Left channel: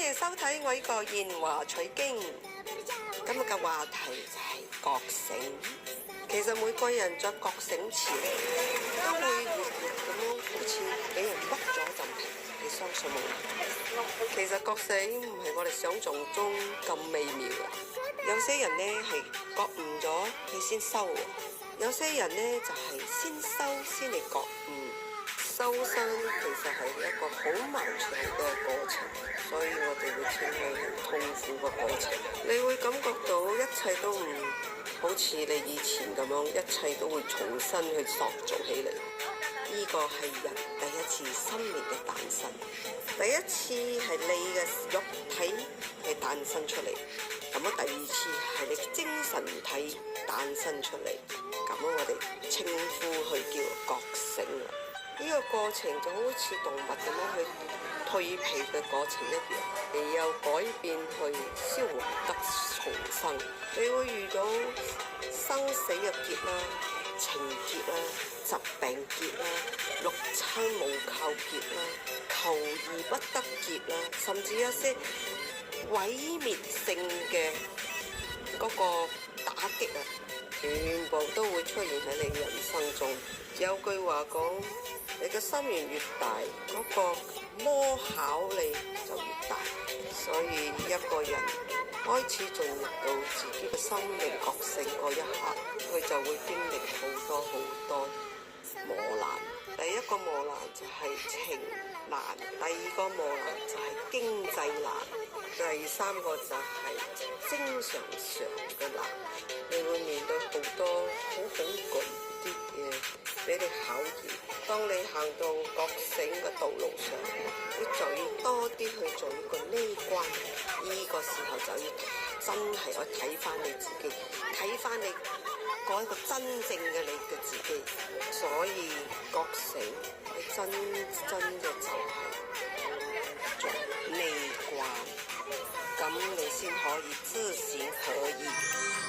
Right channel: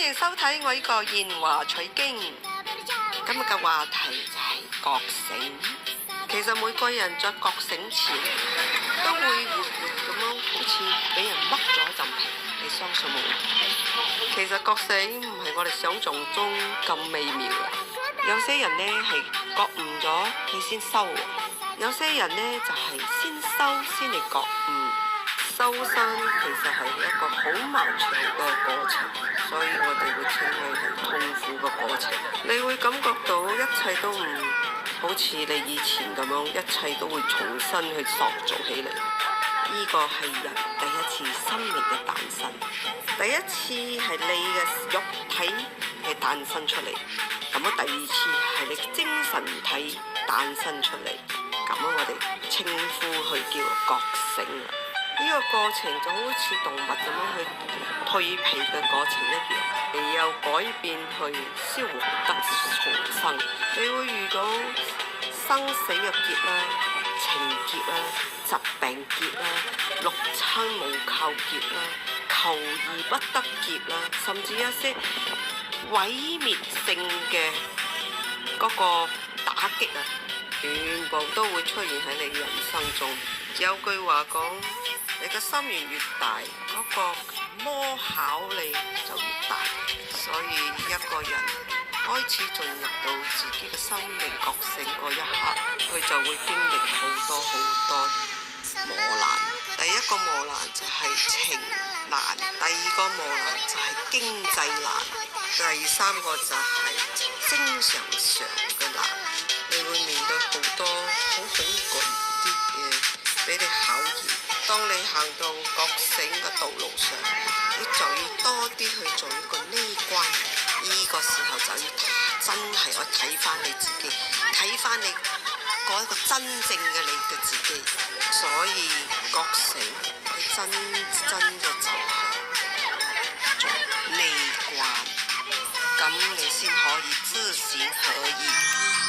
迎收睇我呢個言話取經。今日嘅話題就係覺醒。其實每個人在覺醒前都會活活咁樣，好似俾人剝咗一陣皮。你相信冇？其實覺醒唔係我哋想象中咁美妙嘅。有些人呢係覺悟咗，佢先修；有些人呢就係先修先嚟覺悟。修身其實係一個好漫長嘅過程，所以我哋會稱佢係痛苦嘅過程。你會感覺到一切都唔好似你以前咁樣，一切都會重新去塑造起嚟。呢個係人第一次生命嘅誕生，第一次係你嘅肉體係誕生出嚟，咁啊第二次係你嘅精神體誕生出嚟，咁樣我哋稱呼佢叫覺醒啦。呢個過程就好似動物咁樣去蛻皮嘅過程一樣，你有改變去消亡得重生。你會遇到生死嘅劫啦、情劫啦、疾病劫啦、六親無靠劫啦、求而不得劫啦，甚至一些毀滅性嘅嗰個打擊啊，全部都會出現喺你人生中。有句話講，你嘅心願越大，嗰個魔考你就越大。所以一個人開始進入到自己嘅生命覺醒嗰一刻，佢就會經歷好多磨難。第一個磨難就係情難，第二個磨難就係經濟難，第三個就係精神上嘅難。你會面對好多好恐懼啲嘢俾你考驗。當你行到覺醒嘅道路上，你就要多啲去做一個呢關。呢個時候就要真係去睇翻你自己，睇翻你嗰一個真正嘅你嘅自己。所以覺醒係真嘅就係做呢關，咁你先可以知行合一。